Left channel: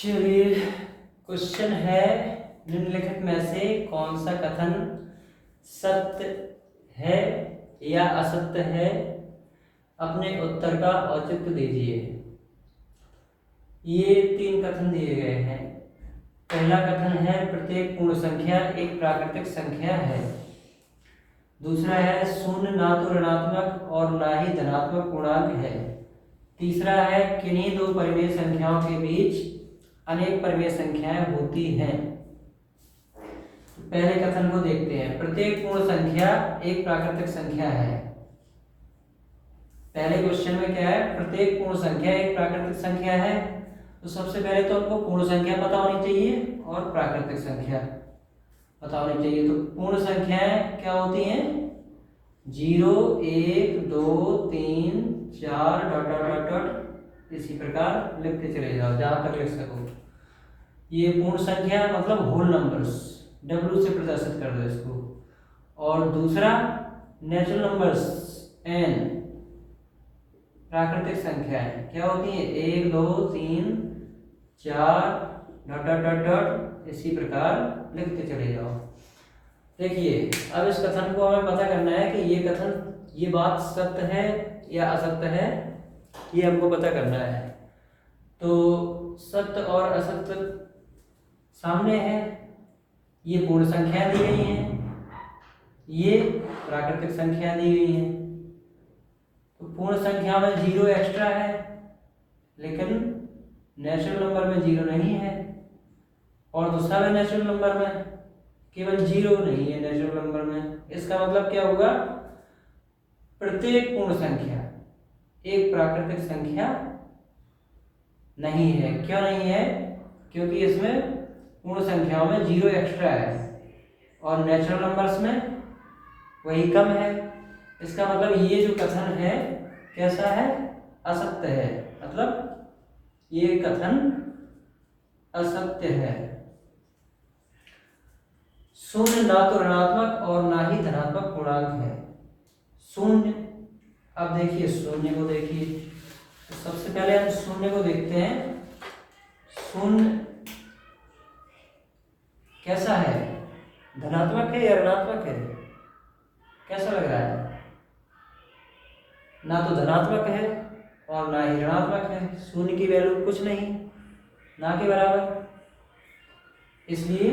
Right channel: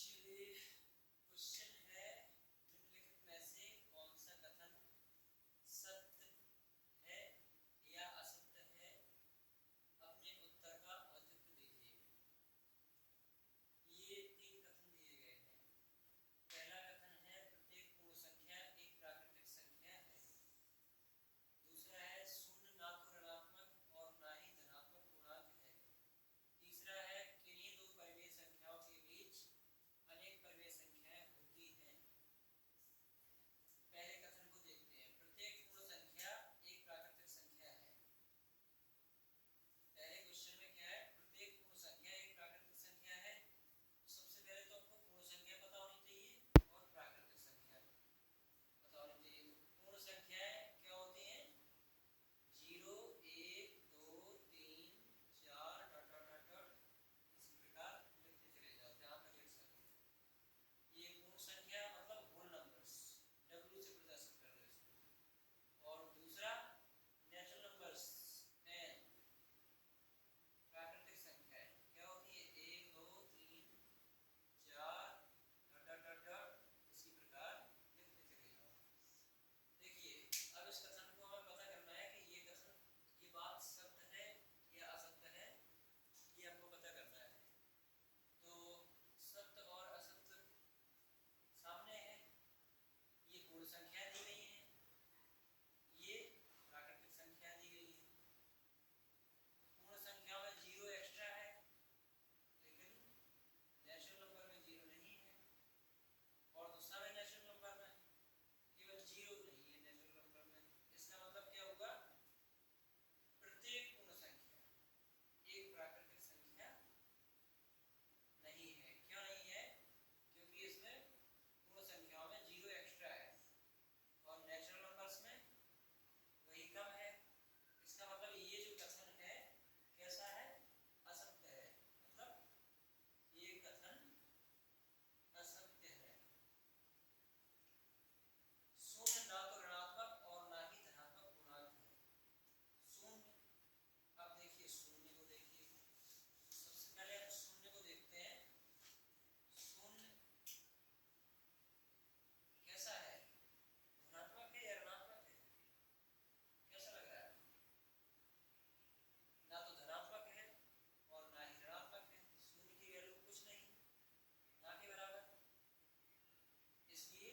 चलिए, क्वेश्चन है निम्नलिखित में से कौन सा कथन सत्य है या असत्य है, अपने उत्तर का औचित्य दीजिए। ये 3 कथन दिए गए हैं। पहला कथन है प्रत्येक पूर्ण संख्या एक प्राकृतिक संख्या है। दूसरा है शून्य ना तो ऋणात्मक और ना ही धनात्मक पूर्णांक है। तीसरा है किन्हीं दो परिमेय संख्याओं के बीच अनेक परिमेय संख्याएं होती हैं। पहले कथन को देखते हैं। प्रत्येक पूर्ण संख्या एक प्राकृतिक संख्या है। पहले क्वेश्चन में क्या है, प्रत्येक पूर्ण संख्या एक प्राकृतिक संख्या है। तो सबसे पहले तो आपको पूर्ण संख्या पता होनी चाहिए और प्राकृतिक संख्या पता होनी चाहिए। तो पूर्ण संख्याएं क्या होती हैं? 0, 1, 2, 3, 4 डॉट डॉट डॉट डॉट, इसी प्रकार लिखते चले जाओ जहां तक लिख सको। ये पूर्ण संख्या मतलब होल नंबर्स, W से प्रदर्शित कर दो इसको। और दूसरा नेचुरल नंबर्स n, प्राकृतिक संख्याएं क्या होती हैं? 1, 2, 3, 4 डॉट डॉट डॉट डॉट, इसी प्रकार लिखते चले जाओ। देखिए, अब इस कथन को हमें पता करना है कि ये कथन, ये बात सत्य है या असत्य है, ये हमको पता करना है। तो सत्य और असत्य सामने है। ये पूर्ण संख्या दी गई है, ये प्राकृतिक संख्या दी गई है। तो पूर्ण संख्या में 0 एक्स्ट्रा है, लेकिन नेचुरल नंबर में 0 नहीं है। और दूसरा भी नेचुरल नंबर में केवल 0 नहीं है नेचुरल नंबर में। इसका मतलब क्या होगा? प्रत्येक पूर्ण संख्या एक प्राकृतिक संख्या नहीं है। क्यों नहीं है? क्योंकि इसमें पूर्ण संख्याओं में 0 एक्स्ट्रा है और नेचुरल नंबर्स में वही कम है। इसका मतलब ये जो कथन है कैसा है? असत्य है। मतलब ये कथन असत्य है। शून्य ना तो ऋणात्मक और ना ही धनात्मक पूर्णांक है। शून्य, अब देखिए शून्य को देखिए। तो सबसे पहले हम शून्य को देखते हैं। शून्य कैसा है? धनात्मक है या ऋणात्मक है? कैसा लग रहा है? ना तो धनात्मक है और ना ही ऋणात्मक है। शून्य की वैल्यू कुछ नहीं, ना के बराबर। इसलिए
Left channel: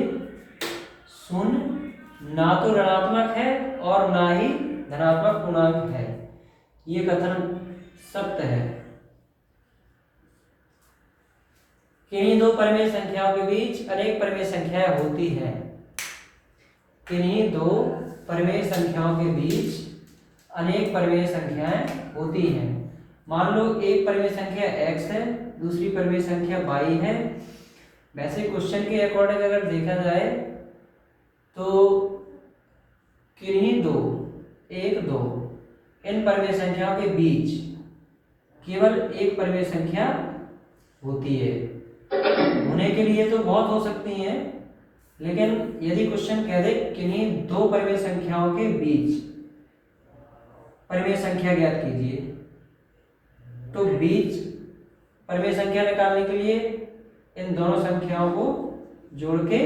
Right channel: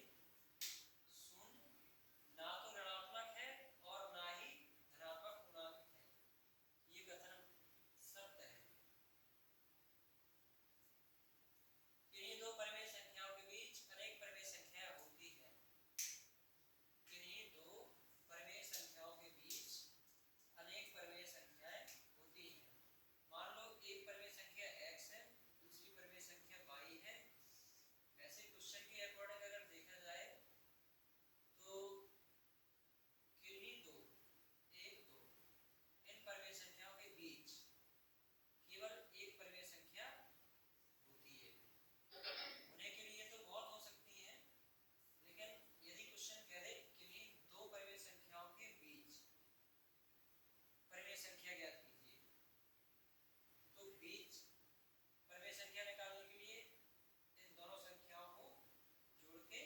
शून्य ना तो ऋणात्मक है और ना ही धनात्मक पूर्णांक है। ये कथन सत्य है। किन्हीं दो परिमेय संख्याओं के बीच अनेक परिमेय संख्याएं होती हैं। किन्हीं दो परिमेय संख्याओं के बीच अनेक परिमेय संख्याएं होती हैं। मान लो एक परिमेय संख्या x है, दूसरी परिमेय संख्या y है। वैसे क्वेश्चन के अकॉर्डिंग अगर देखा जाए तो किन्हीं दो, 1, 2 इन परिमेय संख्याओं के बीच केवल एक परिमेय संख्या होती है। होने के लिए तो बहुत हो सकती हैं, लेकिन यदि क्वेश्चन कह दे किन्हीं दो परिमेय संख्याओं के बीच परिमेय संख्या ज्ञात कीजिए, तो बीच परिमेय संख्या निकालने के लिए इन दोनों संख्याओं को जोड़ के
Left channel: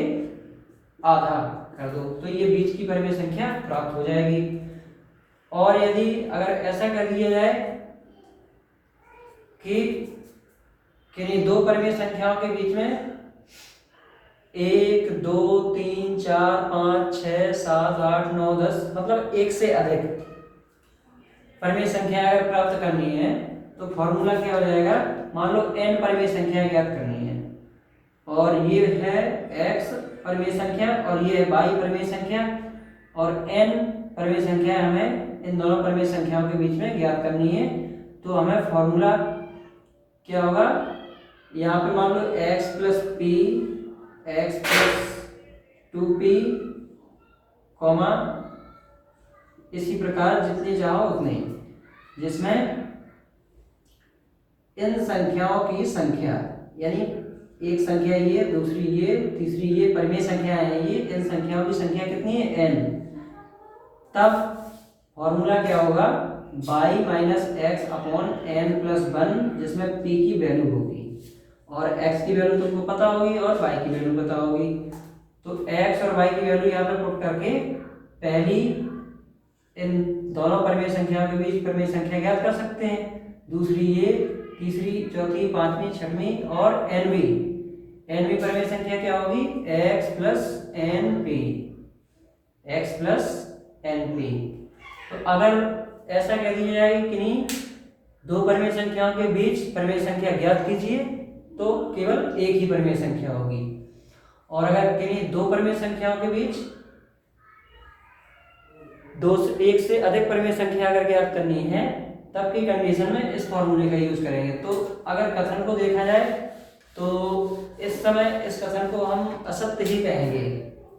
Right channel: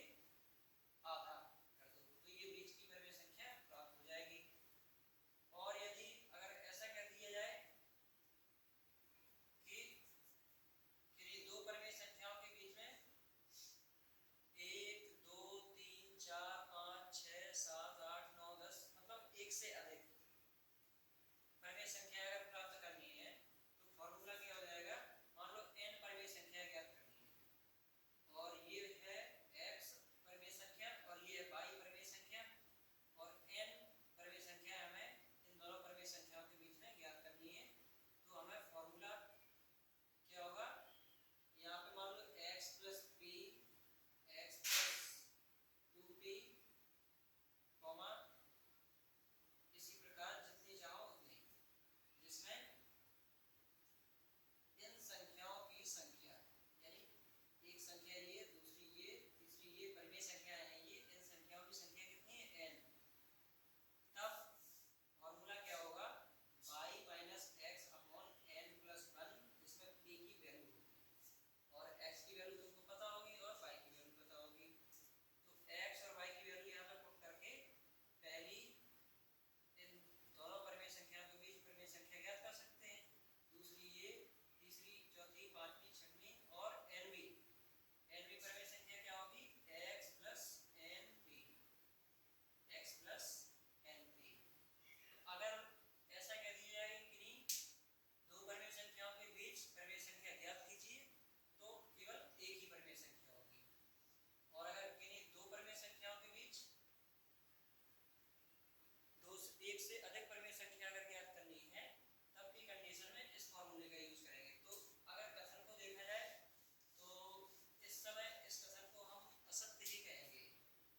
आधा कर दो, तो ये बीच की परिमेय संख्या प्राप्त हो जाएगी। और यदि अगर ऐसा कर दिया जाए कि किन्हीं दो परिमेय संख्याओं के बीच में 1, 2, 3, 4, 5, 6, 7, 8, 9, 10 मतलब एक से अधिक परिमेय संख्या अगर प्राप्त करनी है तो फॉर्मूला क्या हो जाएगा? मान लो n परिमेय संख्या ज्ञात करनी है और ये है x परिमेय संख्या और ये है y परिमेय संख्या और n परिमेय संख्या हमें इन दोनों परिमेय संख्याओं के बीच में ज्ञात करनी है। तो हमें फॉर्मूला क्या होगा? यहाँ पे मान लो x plus p, x plus 2p, comma इसी प्रकार जितनी चाहो उतनी, जिसमें इन संख्याओं की संख्या यानी एक संख्या ये, दूसरी ये, तीसरी ये परिमेय संख्या है, ये इन संख्याओं की संख्या कितनी है? n। तब फॉर्मूला क्या होगा? y minus x upon n plus 1, जिसमें p की वैल्यू होगी और x की वैल्यू तुमको पता होगी और y की वैल्यू पता होगी। तो x और y की वैल्यू यहाँ पे पुट करके पहली इन दोनों परमेय संख्याओं के बीच परमेय संख्या ज्ञात कर सकते हैं, दूसरी ये, तीसरी, चौथी, पांचवी, छठवीं और एनवी परमेय संख्या क्या होगी, x प्लस एन पी। तो अगर ऐसा कह दिया जाए कि नहीं दो परमेय संख्याओं के बीच परमेय संख्या ज्ञात कीजिए, तो केवल एक ही परमेय संख्या होगी। और अगर कहीं दो परमेय संख्याओं के बीच एक से अधिक परमेय संख्या अगर ज्ञात करनी है, तब की कंडीशन में इस फॉर्मूले का यूज करेंगे। तो अगर कथन को देखा जाए तो इस समय इस कथन को हम असत्य ही कहेंगे,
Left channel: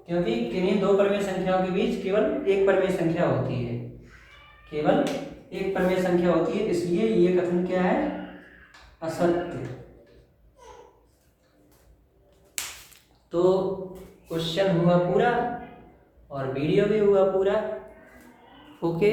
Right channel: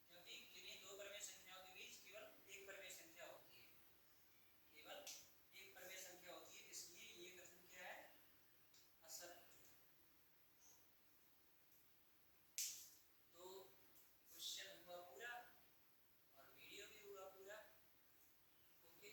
क्योंकि किन्हीं दो परमेय संख्याओं के बीच केवल एक परमेय संख्या होती है, केवल एक परमेय संख्या होती है, इसलिए ये कथन क्या है, असत्य। तो क्वेश्चन हुआ पूरा और वीडियो भी हुआ पूरा। ओके।